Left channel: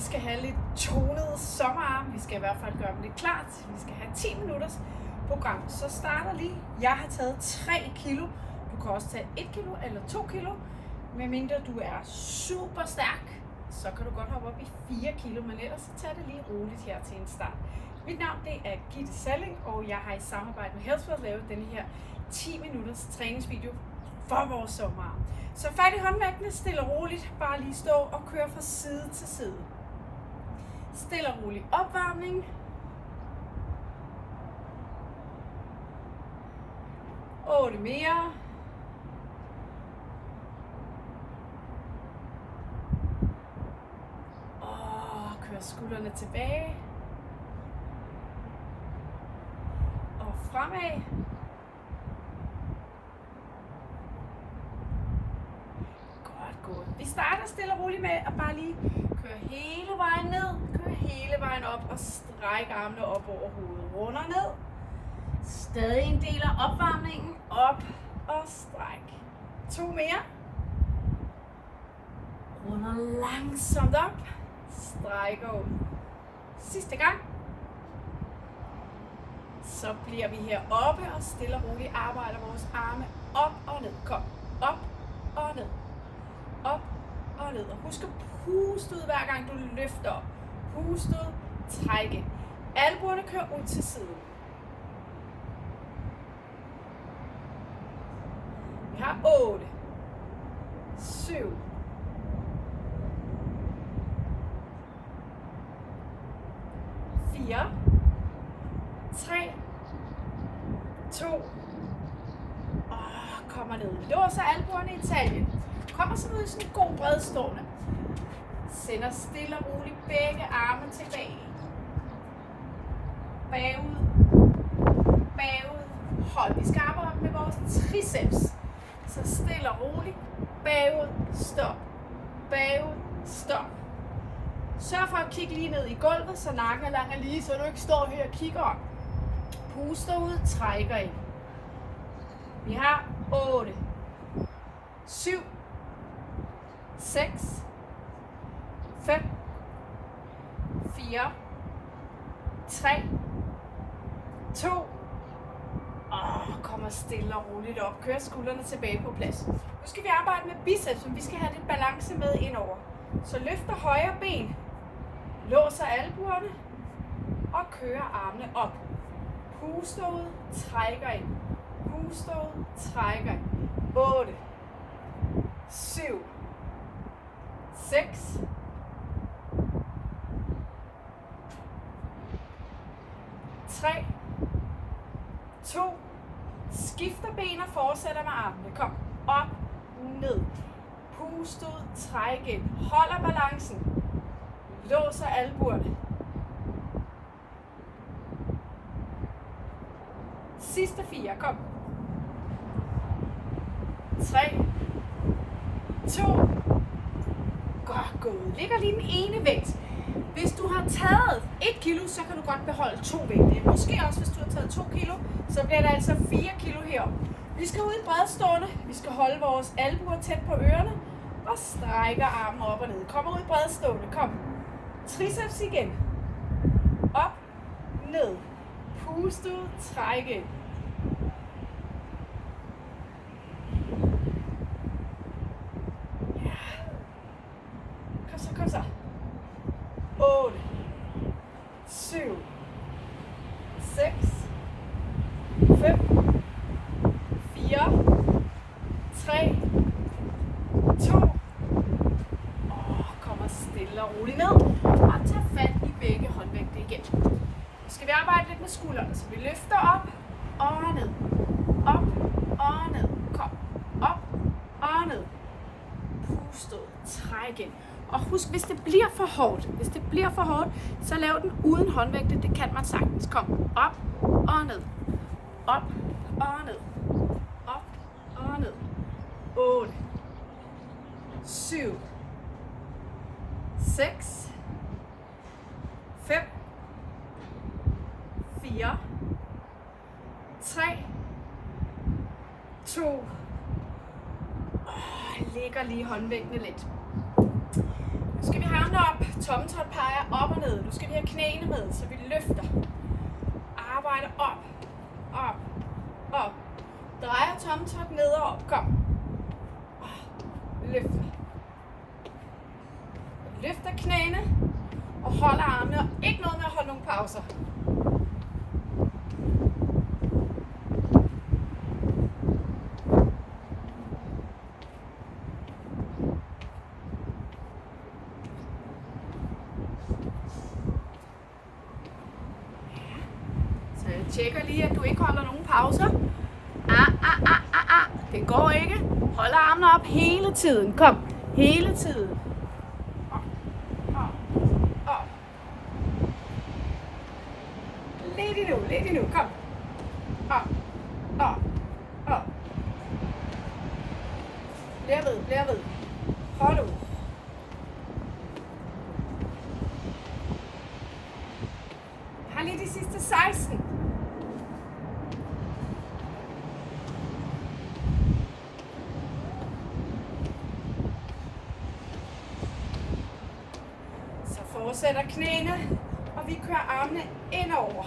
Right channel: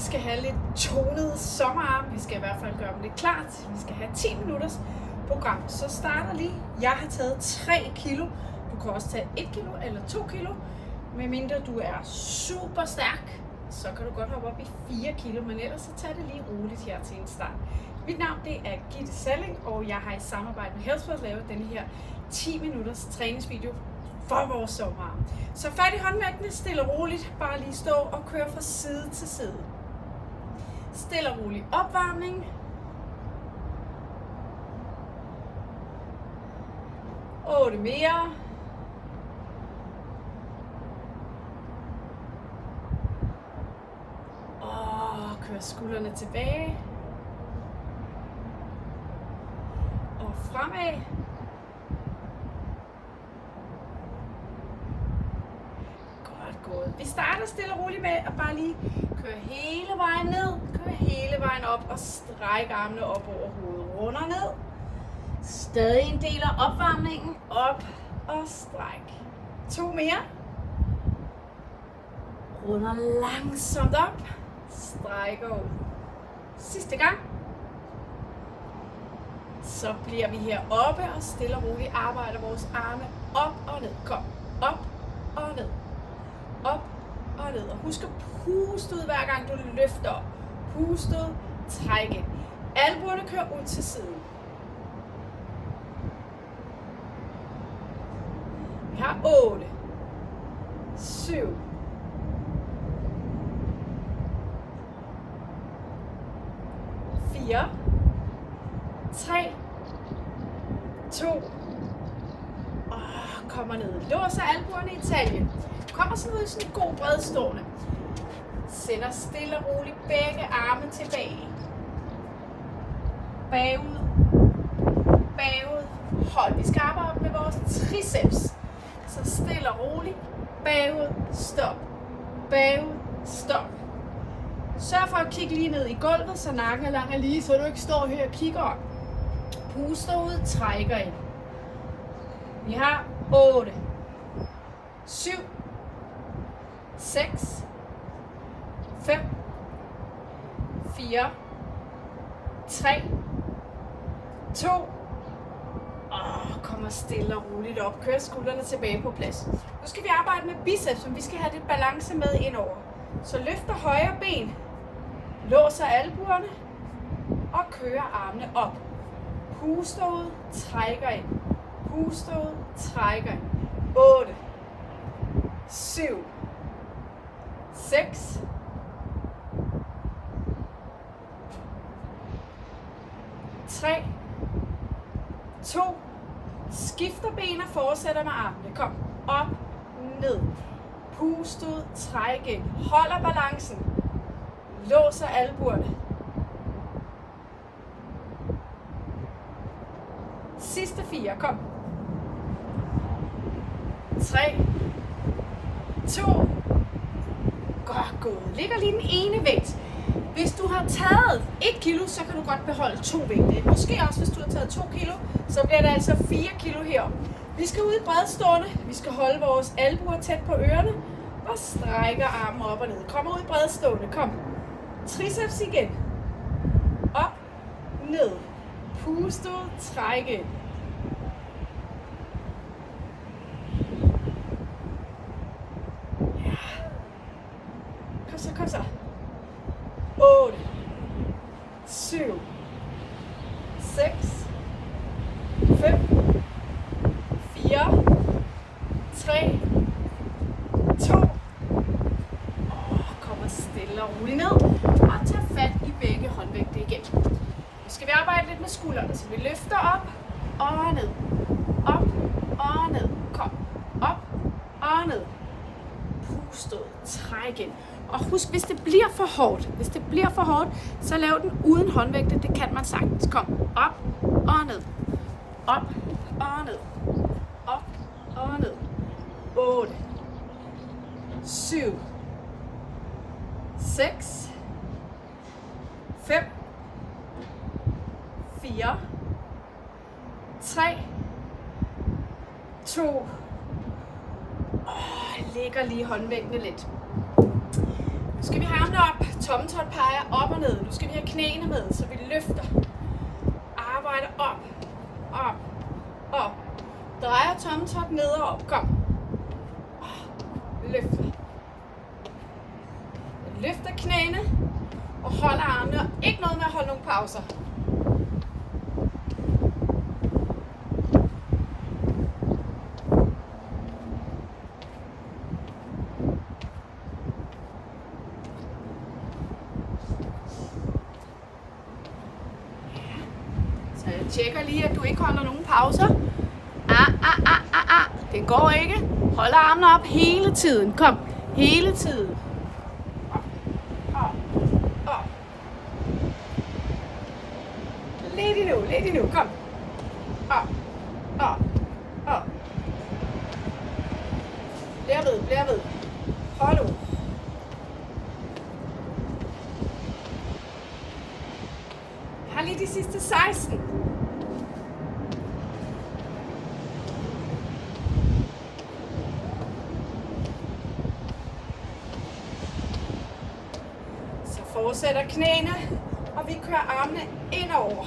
Vi skal have lidt tonede sommerarme. Vi skal i hvert fald gøre dem lidt klart. Vi skal have 10 minutters program. Så starter lige. Jeg har taget 3 kilo. Du kan også tage 1 kilo eller 2 kilo. Medmindre du er super stærk, så kan du godt hoppe op i 4 kilo. Men ellers så tager det lige roligt her til en start. Mit navn det er Gitte Salling, og jeg har i samarbejde med Healthworld lavet denne her 10 minutters træningsvideo for vores sommerarm. Så fat i håndvægtene, stille og roligt, bare lige stå og køre fra side til side. Stille og rolig opvarmning. Og 8 mere. Og kør skuldrene tilbage. Og fremad. Gået. Vi starter stille og roligt med at bare lige køre hele vejen ned, køre hele vejen op og strække armene op over hovedet. Runder ned. Stadig en del af opvarmningen. Op og stræk. 2 mere. Runder langsomt op. Strækker ud. Sidste gang. Så bliver vi her oppe og stille og roligt arbejder vores arme op og ned. Kom. Op og ned. Op og ned. Og husk at puste ud hver gang du løfter op. Puste ud, træk ind. Albuerne kører ud til siden. Vi har 8, 7, 4, 3, 2, og kommer ned. Låser albuerne i taljen. Kommer sådan ud i sådan en god bredstående. Sender stille og roligt begge arme tilbage. Bagud. Bagud. Hold. Vi skal arbejde med vores triceps. Så stille og roligt. Bagud. Stop. Bagud. Stop. Sørg for at kigge lige ned i gulvet, så nakken er lang og lige, så du ikke står her og kigger op. Puster ud. Trækker ind. Vi har 8, 7, 6, 5, 4, 3, 2, og kommer stille og roligt op. Kør skuldrene tilbage på plads. Nu skal vi arbejde med biceps, men vi skal have lidt balance med indover. Så løfter højre ben, låser albuerne og kører armene op. Puster ud, trækker ind. Puster ud, trækker ind. 8, 7, 6, 3, 2, skifter ben og fortsætter med armene. Kom op, ned, pust ud, træk ind, holder balancen, låser albuerne. Sidste 4, kom. 3, 2, godt gået. Ligger lige den ene vægt. Hvis du har taget 1 kilo, så kan du godt beholde 2 vægte. Måske også, hvis du har taget 2 kilo, så bliver det altså 4 kilo heroppe. Vi skal ud i bredstående. Vi skal holde vores albuer tæt på ørerne og strækker armen op og ned. Kommer ud i bredstående. Kom. Triceps igen. Op, ned. Pust ud, træk ind. Kom så. 8, 7, 6, 5, 4, 3, 2, og kommer stille og roligt ned, og tager fat i begge håndvægte igen. Nu skal vi arbejde lidt med skuldrene, så vi løfter op og ned, op og ned, kom, op og ned. Pust ud, træk ind. Og husk, hvis det bliver for hårdt, så lav den uden håndvægte. Det kan man sagtens. Kom op og ned. Op og ned. Op og ned. 8, 7, 6, 5, 4, 3, 2, lægger lige håndvægtene lidt. Nu skal vi have armene op. Tommeltot peger op og ned. Nu skal vi have knæene med, så vi løfter. Arbejder op, op, op. Drejer tommeltot ned og op. Kom. Løfter. Løfter knæene og holder armene. Og ikke noget med at holde nogle pauser. Så jeg tjekker lige, at du ikke holder nogen pauser. Den går ikke. Hold armene op hele tiden. Kom. Hele tiden. Op. Op. Op. Lidt endnu. Kom. Op. Op. Op. Bliver ved. Hold ud. Jeg har lige de sidste 16. Fortsætter knæene, og vi kører armene indover.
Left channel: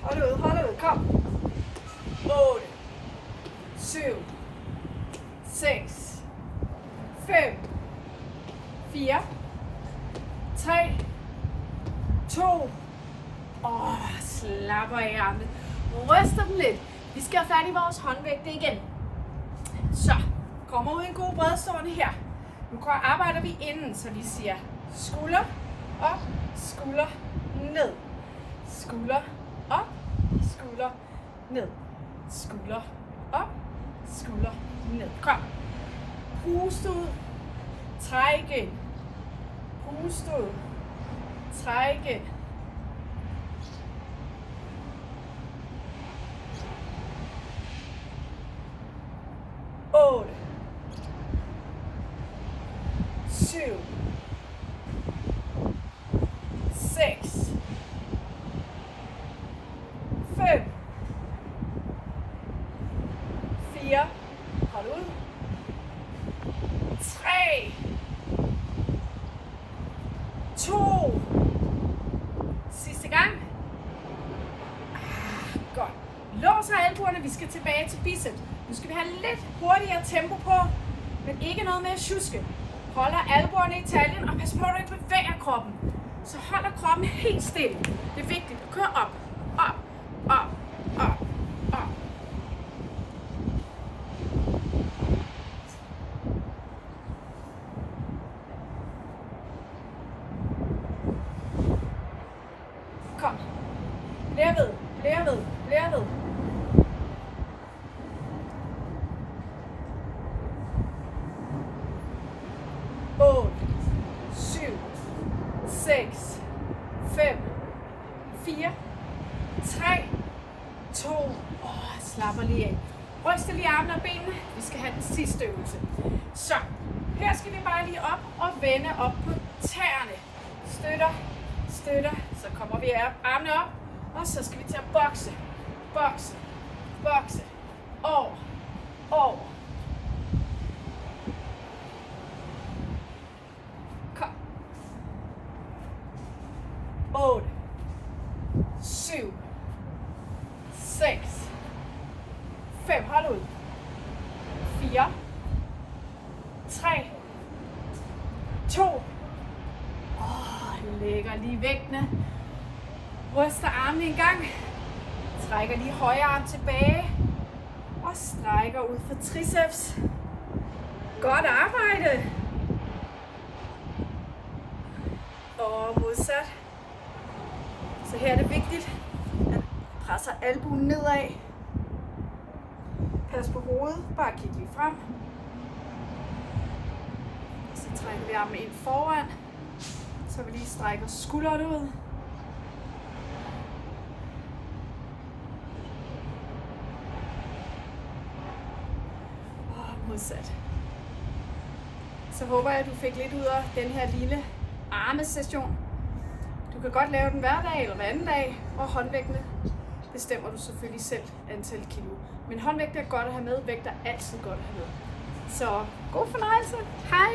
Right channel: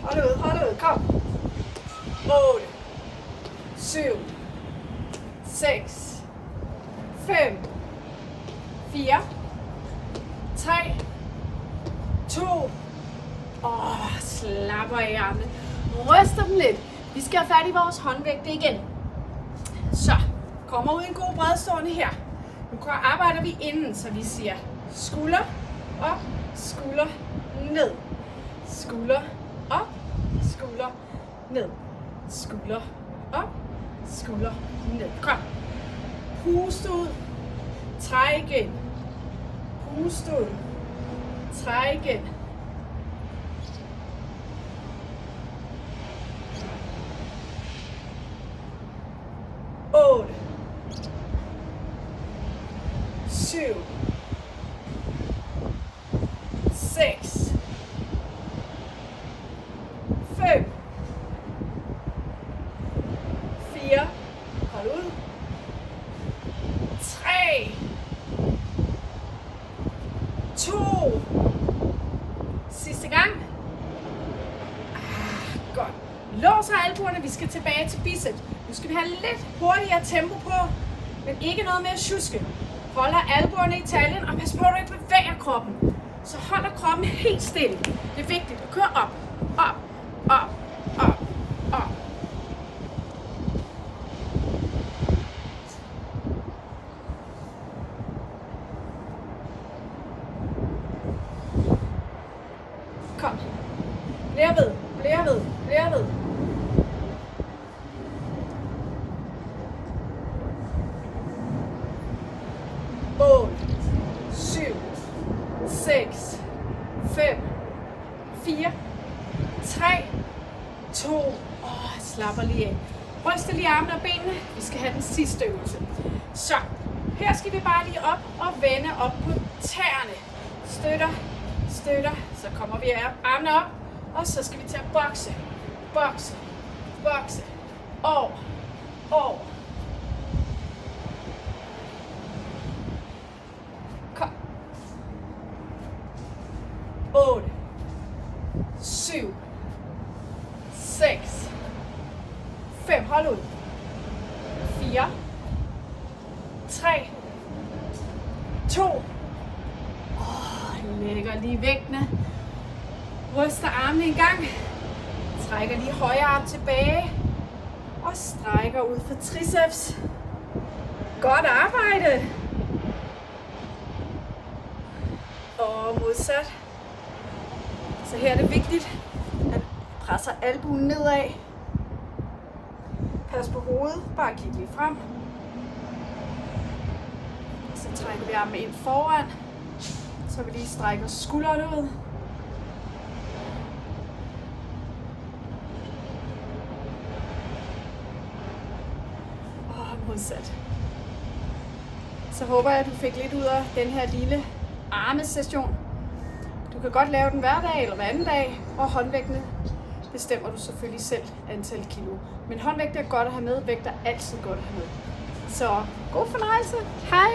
Hold ud, kom. 8, 7, 6, 5, 4, 3, 2, slapper af armene. Ryster dem lidt. Vi skal have fat i vores håndvægte igen. Så, kommer ud i en god bredstående her. Nu arbejder vi inden, så vi siger skulder op, skulder ned. Skulder op, skulder ned. Skulder op, skulder ned. Kom. Pust ud. Træk igen. Pust ud. Træk igen. 8, 7, 6, 5, 4, hold ud, 3, 2, sidste gang. Godt. Låser albuerne, vi skal tilbage til biceps. Nu skal vi have lidt hurtigere tempo på, men ikke noget med at sjuske. Holder albuerne i taljen, og pas på, at du ikke bevæger kroppen. Så holder kroppen helt stille. Det er vigtigt at køre op, op, op, op, op. Kom. Bliver ved. 8, 7, 6, 5, 4, 3, 2, slapper lige af. Ryster lige armene og benene. Vi skal have den sidste øvelse. Så, her skal vi bare lige op og vende op på tæerne. Støtter. Så kommer vi armene op, og så skal vi til at bokse. Over. Kom. 8, 7, 6, 5, hold ud. 4, 3, 2. Lægger lige vægtene. Ryster armene en gang. Trækker lige højre arm tilbage. Og strækker ud for triceps. Godt arbejde. Og modsat. Så her er det vigtigt, at presser albuen nedad. Pas på hovedet. Bare kig lige frem. Så trækker vi armene ind foran. Så vi lige strækker skuldrene ud. Og modsat. Så håber jeg, at du fik lidt ud af den her lille armesession. Du kan godt lave den hver dag eller hver anden dag, og håndvægtene bestemmer du selvfølgelig selv antal kilo. Men håndvægt er godt at have med, vægt er altid godt at have med. Så god fornøjelse. Hej!